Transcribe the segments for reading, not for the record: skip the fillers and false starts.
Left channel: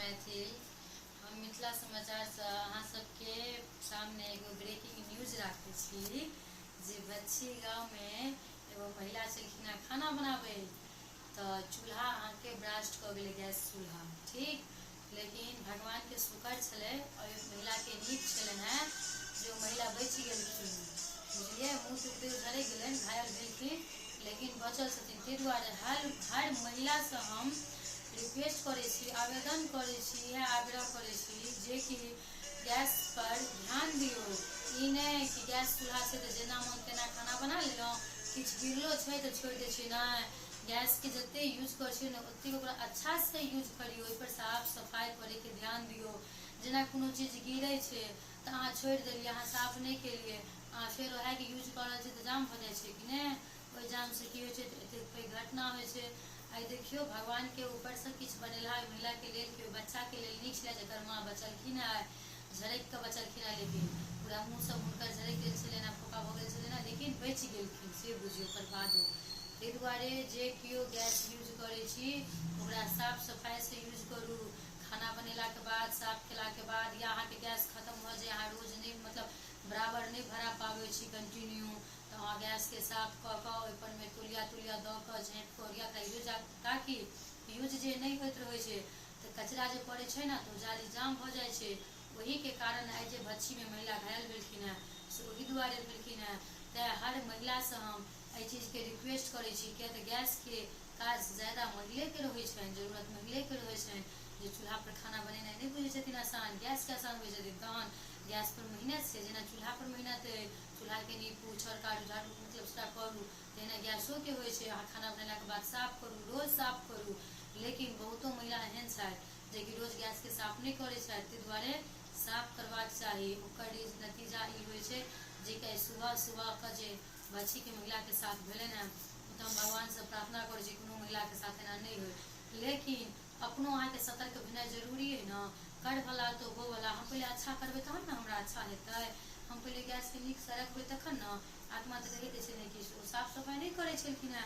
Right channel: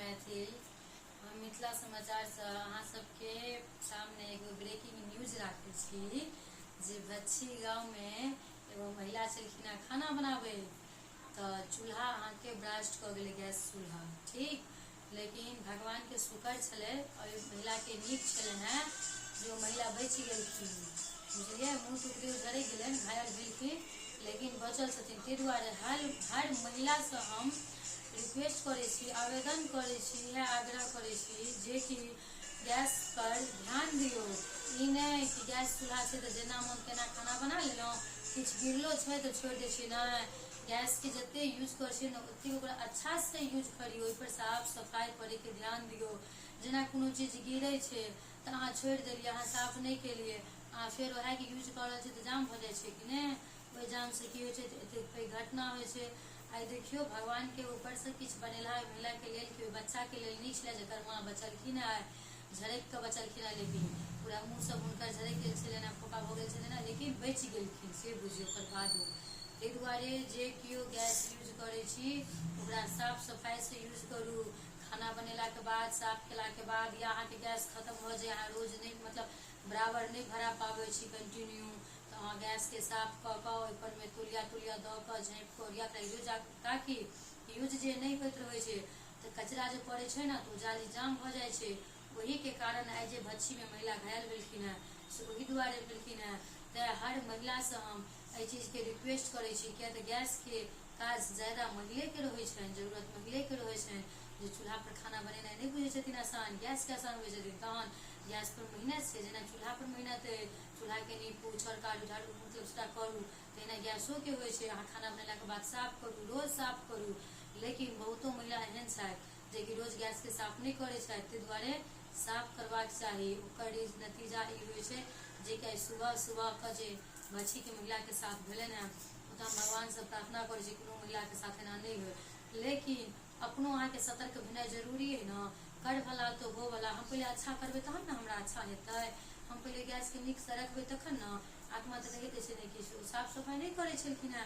मैथिल। हम मिथिला समाचार से अहाँ सबके सामने एगो ब्रेकिंग न्यूज राखे छी जे बच्ची गाँव में एगो महिला छलखिन खाना बनाबे तो चूल्हा अहाँ के ब्रास्ट क गेलै, गैस चूल्हा, ठीक। लेकिन भगवान के शुक्र छलै और महिला के नीक छलन है जो महिला बच गेलखिन, बुझलिए। मुँह टुकड़े झड़क गेलन, घायल भेलखिन, लेकिन बचल छथिन। ताहि दुआरे हर महिला से हम रिक्वेस्ट करे छी, आवेदन करे छी, यह आग्रह करे छी जे कि गैस पर ध्यान दियो। ई नहीं कि गैस चूल्हा से तो जेना मन तेना खाना बना लेलहुँ, किछु गिरलो छै तो छोड़ दै छी। नहीं, गैस के जते यूज कर छी ना ओते ओकरा अच्छा से यूज करियो, ओहि पर साफ सफाई करे के ध्यान दियो। जेना कोनो चीज गिरे छै तो अहाँ छोड़ देलिए, अहाँ साफ नहीं केलिए, अहाँ फिर वह के यूज कर रहे तो जाम हो जाए छै कि नहीं। ओहि जाम से की होइ छै, एते घटना होइ छै। आई देखियो भगवान के ऊपर से किछु बनेला महिला के लेल, कि बच्चा के लेल नीक छलै जकर माँ बचलखिन है, झरक के बचलखिन है, लेकिन पूरा मुँह सब हुनकर झरक गेल छलनि है, फोका भ गेल छलनि है, लेकिन बचि गेलखिन, से बुझियो ओकर बादो। ताहि दुआरे जे केओ गैस यूज करे छी ओकरा साफ सफाई से यूज करू। खाना बनेला के बाद, साफ केला के बाद, या अहाँ के गैस खत्म हो जाए, अहाँ रोज नहीं मतलब बराबर नहीं भरा पावे छी कंटिन्यू, तो अहाँ गैस के साफ क के ओपर में तुलिया द के झाँप के ओरिया के यूज, ताकि यूज जे नहीं होइत रहे छै तो कचरा जे पड़े छै ना तो जाली जाम हो जाए छै। वही के कारण आई जे भच्छी में महिला घायल भेलखिन है से वही दुआरे भेलखिन है। तो हर महिला से हम एहि चीज के रिक्वेस्ट करे छी, क्या तो गैस के काज ज्यादा महिले के रहे छनि, जरूरत महिले के रहे छनि, जे चूल्हा पर खाना बनेनाइ नहीं बुझे छथिन आसान, गैस के आसान बुझे छथिन। तहन गैस पर मेहनत से, जेना चूल्हा पर मेहनत है, चूल्हा के नीपू छड़कारू झाड़ू मतलब उसका करू, तेना गैसो के होइ छै। अहाँ खाना बनेला के बाद साफ करू, रोज साफ करू। लेकिन बहुतो महिला एहन छथि जे कि रोज गैस के साफ नहीं करे छथि, ताहि दुआरे साफ करबाक चाही। ओकर नतीजा ई होइ छै जे कि सुबह सुबह के जे बच्ची के महिला के साथ भेलन है, तो हम भगवान से प्रार्थना करे छी कोनो महिला के साथ एना नहीं हो। लेकिन अपनो अहाँ के सतर्क भेनाइ जरूरी है ना, कर भला तो हो भला। हम पहले अच्छा करबे तहन ना हमरा अच्छा हेतै। हम पहले गैस के नीक से रखबे तखन ना। आत्मा तो कहि दै छै कि साफ सफाई नहीं करे छलखिन है,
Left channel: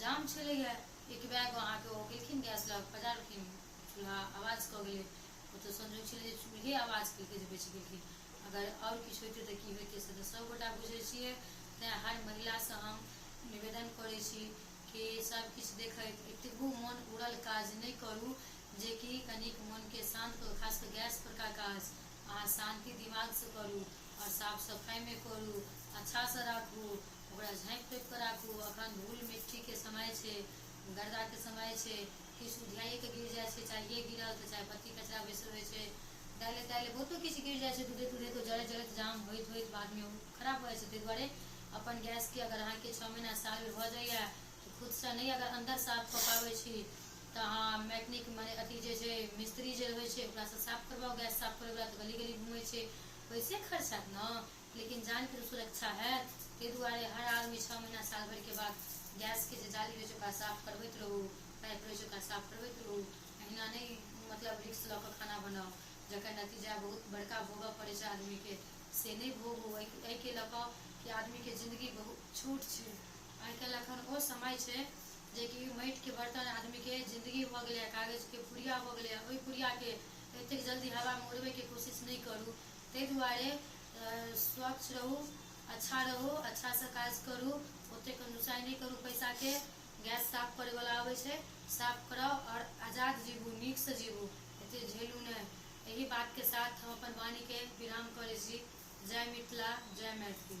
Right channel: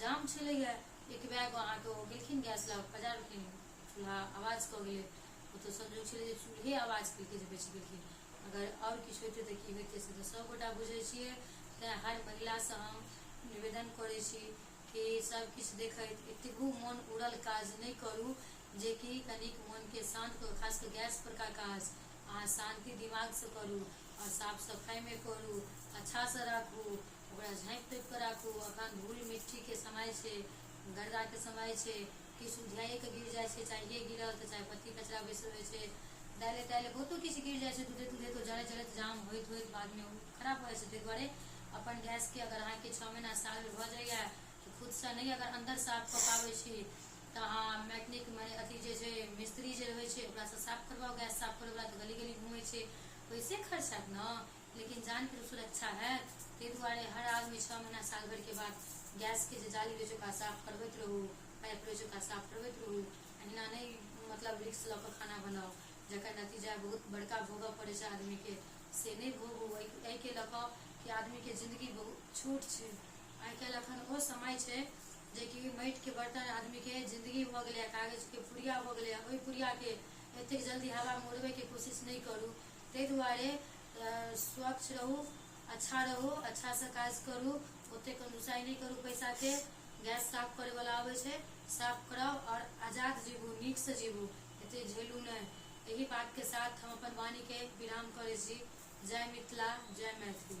जाम छलै है, एक बैग अहाँ के गेलखिन गैस लग पजारखिन, चूल्हा आवाज क गेलै। ओ तो संजोग छलै जे चूल्हे आवाज केलकै जे बचि गेलखिन, अगर और किछु होइते तो की होइते से तो सब गोटा बुझे छियै। तैं हर महिला से हम निवेदन करे छी कि सब किछु देखैत एतबो मन उड़ल काज नहीं करू, जे कि कनिक मन के शांत करू। खास कर गैस पर का काज अहाँ शांति दिमाग से करू और साफ सफाई में करू, अच्छा से राखू, ओकरा झाँपि तोपि के राखू। अखन धूल मिट्टी के समय छै, गर्दा के समय छै, किछु उधियाए के गिर जाए छै, चाहे गिरल तो चाहे पत्ती कचरा बैसल रहे छै, डाले डाले बहुतो किछु गिर जाए छै, दूधे दूधे तो जड़त जड़त जाम होइत होइत बाद में खराब हो जाए छै। ताहि दुआरे अपन गैस के अगर अहाँ के 6 महीना साल में भ जाइए तो खुद से नहीं अगर अंदर साफ क पाबै छी तो अहाँ मैकेनिक माने अथी जे छै मिस्त्री जे रहे छै ओकरा से साफ करवाओ। गैस साफ करे वाला तो गली गली घूमे छै, वैसे खर्च हैत ना, लेकिन जान के सुरक्षा है। ताहि दुआरे हर आदमी 6 महीना साल भर के बाद गैस के जे जाली रहे छै ओकरा साफ करबैत रहू, पाइप रहे छै ओकरा साफ करबैत रहू। अहिना नहीं मतलब रिक्स ल के खाना बनाओ, जकर नतीजा बहुत बड़का भोगऽ पड़े छै आदमी के, से नहीं भोगू। एहि के लऽ कि आदमी के जिंदगी बहुत छोट छै। आई काल्हि अखन ओ समय छै जे कि माटि के बर्तन आदमी के जिंदगी भ गेलै, कागज के पुड़िया भ गेलै, ओहि पुड़िया के एतेक जल्दी हवा में उड़बै के कोशिश नहीं करू। ताहि दुआरे स्वच्छ रहू, अच्छा रहू, अच्छा से काज करू, ओते कंजूसाई नहीं करू पैसा के। गैस साफ करे वाला आवे छै, साफ कराओ और आजाद जीवू, नीक से जीवू, एते झेलू नहीं। यही बात के साथ हम अपन वाणी के विराम करे छी। जय मिथिला, जय मैथिली।